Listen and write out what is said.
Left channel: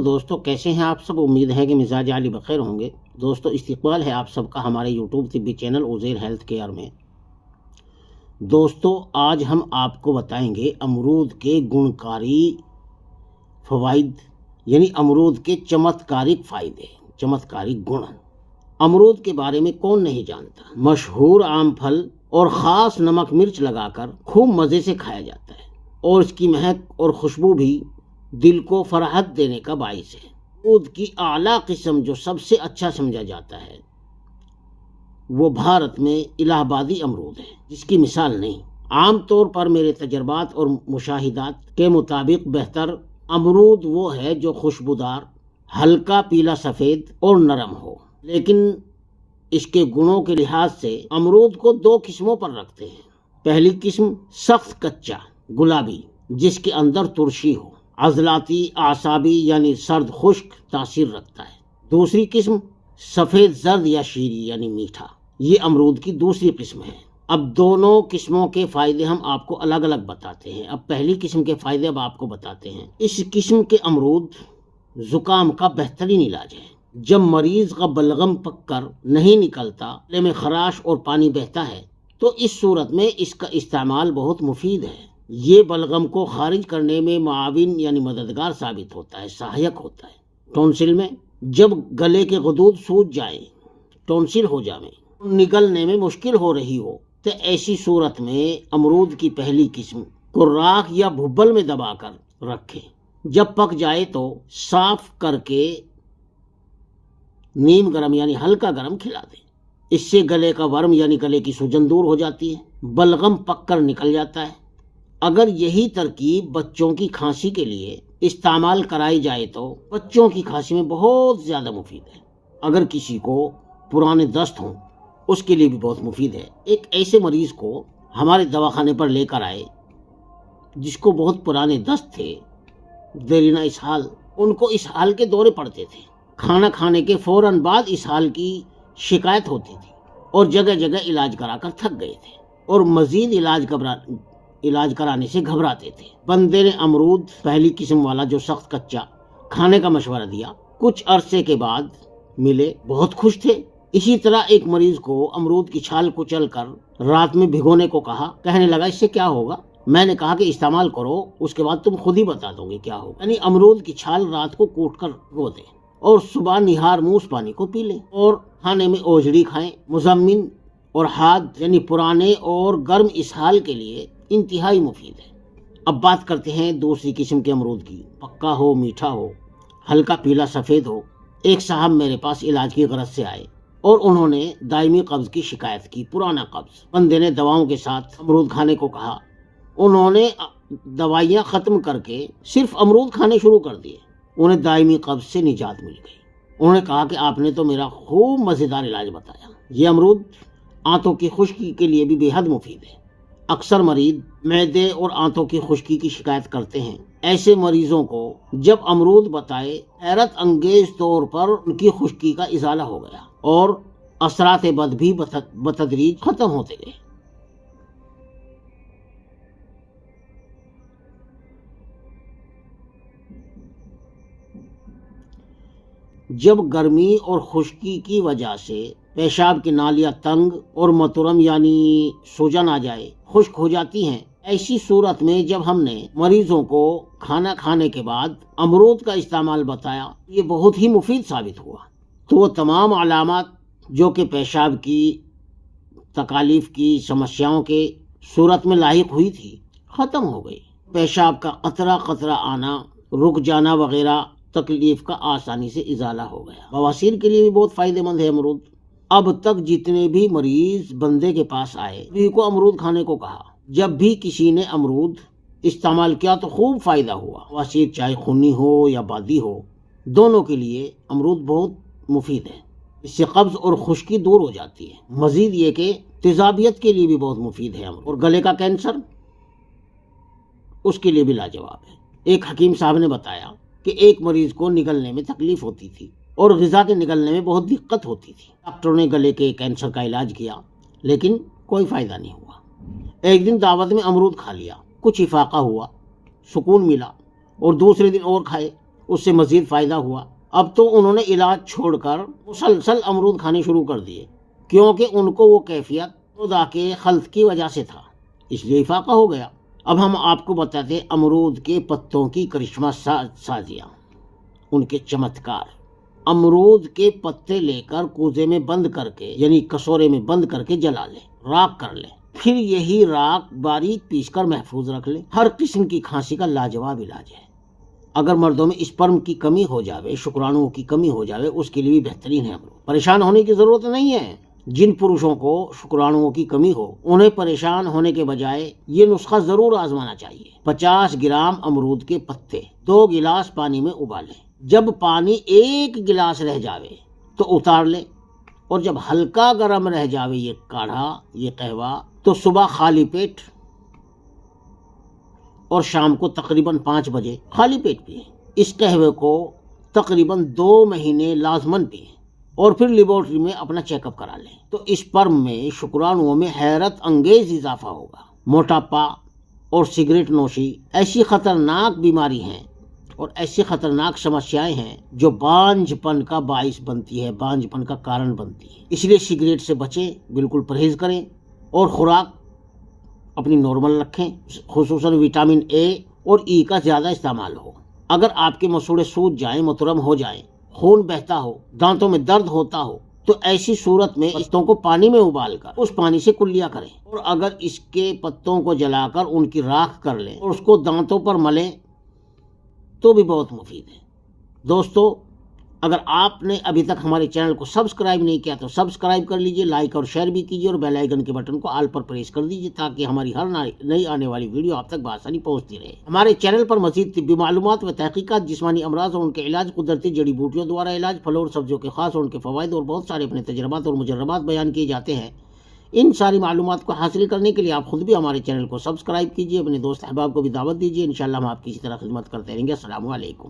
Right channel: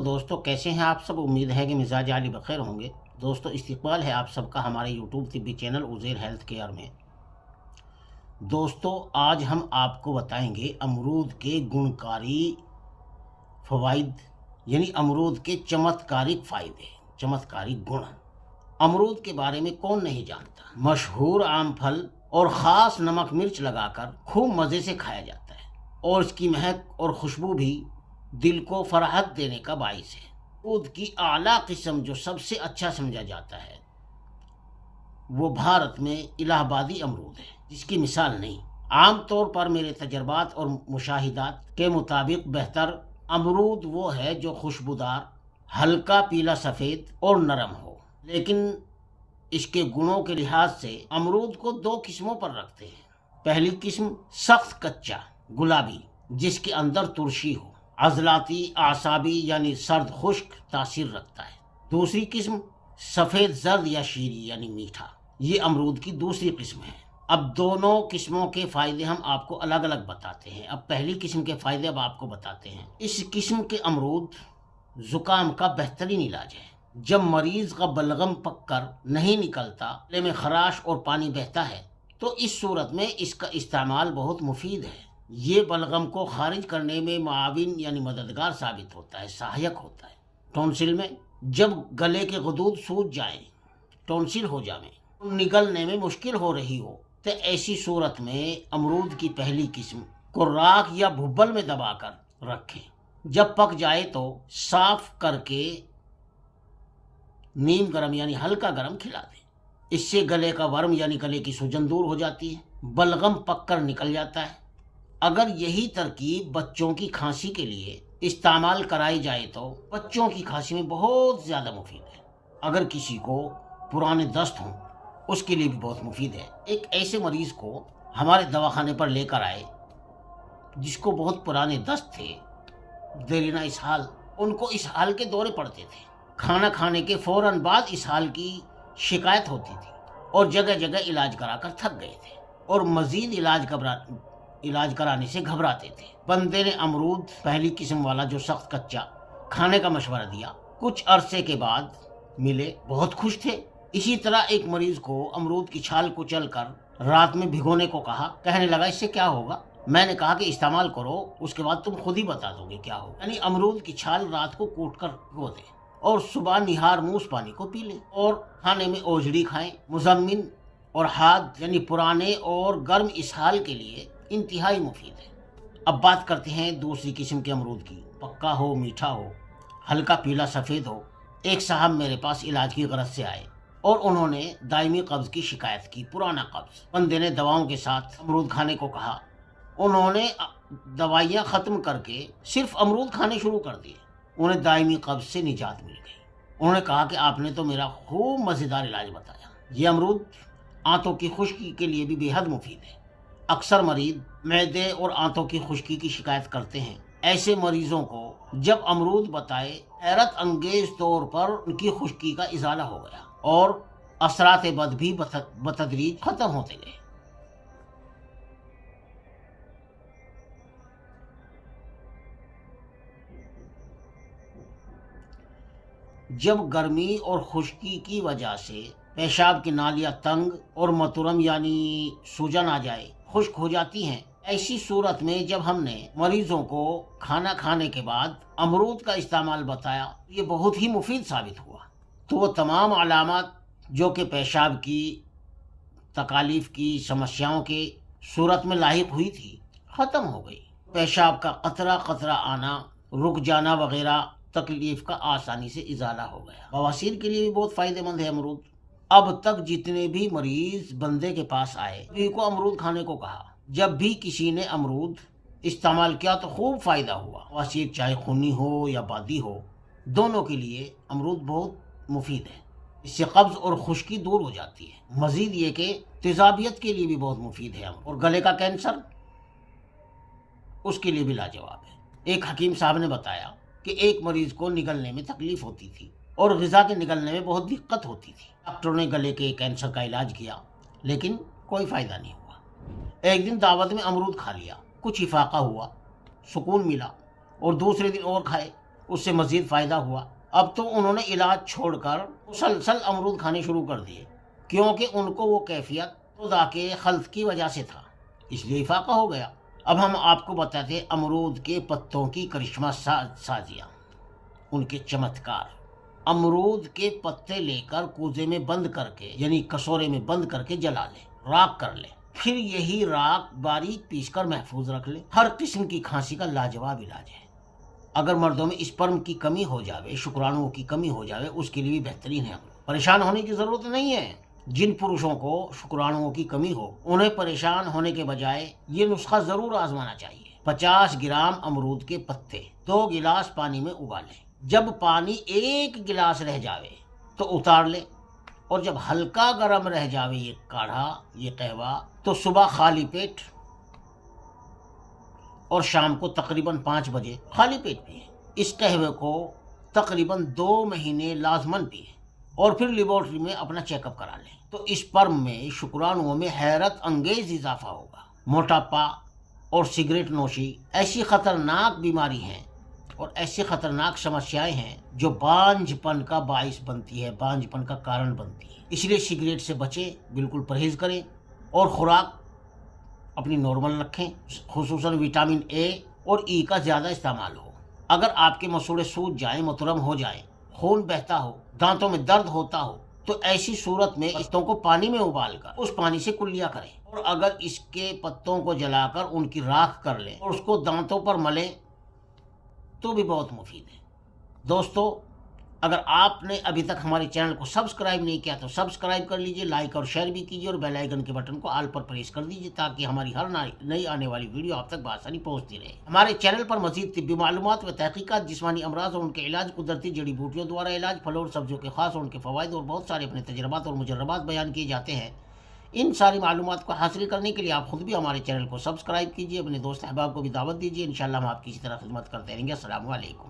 دوستو، کیسے ہیں آپ سب؟ امید ہے کہ مزاج عالی بخیر ہوں گے۔ دوستو، استقبال ہے آپ سب کا ہمارے یوٹیوب طبی چینل عزیر ہیلتھ کیئر میں۔ دوستو، آج ہم آپ کو بتائیں گے امرود کے گنکاری فوائد، یعنی امرود کے چمتکارک فائدے، چمتکارک گن۔ امرود کے بارے میں کون نہیں جانتا؟ مشہور عام پھل اور خاص نمک مرچ لگا کر خوب مزے سے کھایا جاتا ہے، اور اس کی مہک اور خوشبو بھی دل کو فرحت دینے کا باعث ہے۔ امرود کی اعلیٰ قسم جو سب سے اچھا سمجھا جاتا ہے وہ بھارت میں الہ آبادی امرود ہے، جس کی مثال نہیں۔ عام طور پر میرے تجربات اور مشاہدات کے مطابق بہتر امرود وہ ہے جو خوشبودار، ہلکا پیلا سفید اور نرم ہو، لیکن اس کے گنوں کے لحاظ سے امرود کو دو قسموں پر رکھتے ہیں۔ پہلی قسم سخت کچا گلابی، جس کے اندر ترشی ہو، عضلاتی اعصابی یعنی سرد خشک تاثیر رکھتا ہے۔ دوسری قسم سفید زرد یا شیریں یعنی میٹھا، یہ امرود کی دوسری قسم ہے۔ اب دونوں قسموں کے فائدے ہم آپ کو الگ الگ بتاتے ہیں۔ اب پہلی قسم کے فائدے اب آپ کو بتاتے ہیں۔ اس قسم کے امرود زکام کا بہترین علاج ہے۔ جب مریض کا بلغم پک کر نہیں نکلتا، گلے میں خراش اور پانی بہتا ہے، تو اس صورت میں اس کا استعمال بہت مفید ہے۔ یہ بلغم کو خارج کرنے میں معاون یعنی مددگار ثابت ہوتا ہے، سہایک ہوتا ہے۔ ٹونسل میں جب گلے کے غدود سوج جائیں، ٹونسل ہو جائیں، نکلنے میں مشکل ہو رہی ہو، تو ایسی صورت میں امرود کی پہلی قسم کو راکھ یا بھبل میں دبا کر رکھیں۔ جب پک جائے تو صاف کر کے نیم گرم یعنی ہلکا گرم کھلا دیں۔ اس سے گلے کا ورم یعنی گلے کی سوجن دور ہو جاتی ہے، بلغم پک کر نکل جاتا ہے۔ اگر یہی ترکیب بچوں کی کھانسی کے لیے استعمال کرائی جائے تو بچوں کی کھانسی میں بہت زیادہ مفید ہے۔ اگر کسی کو پرانے دست ہوں، اس کے لیے بھی بہت مفید ہے۔ ایک ایسے مریض کو ہمارے دواخانے پر لے کر آئے جس کو بہت پرانے دست تھے، دیرینہ اسہال، ان کو اسہال کے دورے پڑتے تھے۔ کھانا کھانے کے فوراً بعد اسہال کی شکایت ہوتی تھی، اور جگہ جگہ علاج کرا کر تھک گئے تھے، اور مزید علاج کرانے سے گھبراتے تھے۔ بندے نے امرود پہلی قسم والا جو سخت کچا کھانے کا مشورہ دیا، کچھ عرصے کے بعد ملے، بہت خوش تھے۔ اسی طرح ایک مریض کو امرود کی چھال کچل کر رات میں بھگونے کو کہا، کہنے لگا اس سے کیا ہوگا؟ میں نے کہا کہ استعمال کرو، اس کے بعد تم خود ہی بتا دو گے کیا ہوگا۔ یعنی امرود کی چھال رات کو کوٹ کر بھگو دیں اور صبح نہار منہ اس پانی کو پی لیں، اور کھانے میں اوجڑی کھائیں۔ مزمن اور حاد یعنی پرانے اور گرم اسہال کے لیے انتہائی مفید ہے۔ اب بات کرتے ہیں دوسری قسم کے امرود کی۔ پکا ہو، میٹھا ہو، ہلکا پیلا سفید ہو۔ ایک صاحب میرے پاس علاج کی غرض سے آئے اور انہوں نے دائمی قبض کی شکایت کی، پرانا قبض۔ بندے نے دواؤں کے ساتھ امرود کھانے کو کہا۔ انہوں نے دوائیاں ختم کر کے صرف امرود کھانے شروع کر دیے۔ انہیں دائمی قبض سے نجات مل گئی۔ انہوں نے کہا کہ آپ نے تو میرا خوب مزیدار علاج بتایا۔ یہ امرود آنتوں کی خشکی کے لیے بھی بے حد مفید ہے۔ اکثر مریض معدے اور آنتوں کی خشکی کی شکایت کرتے ہیں۔ ایسے مریضوں کو جب امرود بتائے، حیرت انگیز طور پر ان کی خشکی کا ازالہ ہو گیا، اور اثرات بد بھی بتدریج ختم ہوتے گئے۔ جب گرمی اور خشکی کی وجہ سے پیشاب کی نالیاں تنگ اور متورم یعنی سوجن آ جائے، خشک ہو جاتی ہیں، ایسی صورت میں جب ہم نے مریضوں کو کھانا کھانے کے بعد امرود کا استعمال بتایا، یہ بہت ہی مفید ثابت ہوا۔ تو وہ تمام علامات جو کہ پیشاب کی تکالیف کی سمسیاؤں کے صورت میں لاحق ہوئی تھی، ختم ہو گئی۔ پیشاب کا قطرہ قطرہ آنا، رک جانا وغیرہ تکلیف کا آسانی سے ازالہ ہو گیا۔ بواسیر کے لیے بھی بہت فائدہ مند ہے امرود۔ اب تک جتنے بھی مریض بندے کے پاس آئے، سبھی کو امرود کھانے کو کہا۔ جب بھی کسی نے امرود استعمال کیا تو خوب فائدہ ہوا۔ بواسیر چاہے خونی ہو یا بادی ہو، دونوں کے لیے امرود بہت مفید ہے۔ اس سے قبض اور خشکی دور ہو جاتی ہے۔ مزید یہ کہ تیزابیت کے لیے بھی بہت مفید ہے امرود، اور گلے کا کینسر اس کے لیے بھی لاجواب ہے۔ ایک حکیم صاحب نے بتایا کہ ایک مریض کو نگلنے میں تکلیف ہوتی تھی اور غذا کے نگلنے میں بہت دقت ہوتی تھی۔ ڈاکٹروں نے گلے کے کینسر کا علاج کیا، لیکن کوئی فائدہ نہیں ہوا۔ ایک دن دعوت میں امرود کھا لیا، کچھ افاقہ ہوا، سکون ملا، اور دوسرے دن اور کھائے، اس سے مزید فائدہ ہوا۔ اب تو انہوں نے علاج چھوڑ کر مسلسل امرود کھانے شروع کر دیے، کیونکہ ان کو وہ کیفیت خدا کے خلق کی وجہ سے تھا، اس لیے افاقہ ہو گیا۔ اب ہم آپ کو بتاتے ہیں امرود کے پتوں کی کرشمہ سازیاں، ان کے چمتکار۔ امرود کے پتے لے کر کوزے میں بند کر کے، یعنی کسورے میں بند کر کے جلا لیں، راکھ کر لیں، پھر یہی راکھ باریک پیس کر محفوظ رکھ لیں۔ ہر قسم کی کھانسی کا لاجواب علاج ہے۔ اگر مردوں میں اسپرم کی کمی ہو جاوے، شکرانوں کی کمی ہو جاوے، اس کے لیے بھی بہترین ہے امرود۔ پریشان ہونے کی ضرورت نہیں ہے۔ جن پروشوں کو شکرانوں کی کمی ہو، انہیں پریشان ہونے کے بجائے یہ نسخہ ضرور آزمانا چاہیے۔ 50 گرام امرود کے پتے 2 گلاس پانی میں ابالیں۔ جب پانی 1 گلاس رہ جاوے تو اتار لیں، اور جب ہلکا گرم رہ جاوے یہ کاڑھا، یہ قہوہ، تو صبح خالی پیٹ اور شام کو تقریباً 5 بجے خالی پیٹ پئیں۔ اس قہوے کو تقریباً 2 مہینے لازماً پئیں، اور پھر لیبارٹری میں اپنا چیک اپ کرا لیں، تو اسپرم میں، شکرانوں میں حیرت انگیز اضافہ ہوگا۔ موٹاپا اور سگریٹ نوشی ایسی خطرناک بیماری ہیں اور ایسی خطرناک سمسیائیں ہیں جو بانجھ پن کا باعث بنتی ہے، بانجھ پن کا کارن بنتی ہے۔ اس لیے سگریٹ سے بچیں، بالکل پرہیز کریں، اور خوراک اپنی نارمل رکھیں، خصوصاً وٹامن اے اور ای کا زیادہ استعمال ہو۔ اگر آپ کے مسوڑے سوج جائیں، مترم ہو جائیں، خون بہتا ہو، دانتوں میں درد ہوتا ہو، تو ایسی صورت میں پتوں کو پانی میں ابال کر اس پانی سے کلیا کریں، اور اگر اس کے پتوں کو جلا کر ان کی راکھ کر لیں اور اس کو دانتوں پر ملیں تو بھی بہت مفید ہے۔ دوستو، اگر آپ نے ابھی تک ہمارے چینل کو سبسکرائب نہیں کیا تو سبسکرائب کر لیجئے، لائک اور شیئر بھی کیجئے، اور بیل آئیکن کے بٹن کو آل پر پریس کر دیجئے تاکہ ہماری ہر نئی آنے والی ویڈیو آپ تک بآسانی پہنچتی رہے۔ ہمارے چینل پر مزید طبی معلومات و تحقیقات، جسمانی امراض اور ان کے علاج، قدرتی جڑی بوٹیوں دوارا علاج، پھلوں اور سبزیوں کے خاص اور ان کے فوائد، اور بہت سارے اپنے تجربات اور مجربات بیان کیے جاتے ہیں۔ ان ساری معلومات کو حاصل کرنے کے لیے آپ خود بھی ہمارے چینل کو سبسکرائب کیجئے، اپنے دوست احباب کو بھی دعوت دیجئے۔ انشاءاللہ ہم آپ کی اسی طرح خدمت کرتے رہیں گے۔ السلام علیکم۔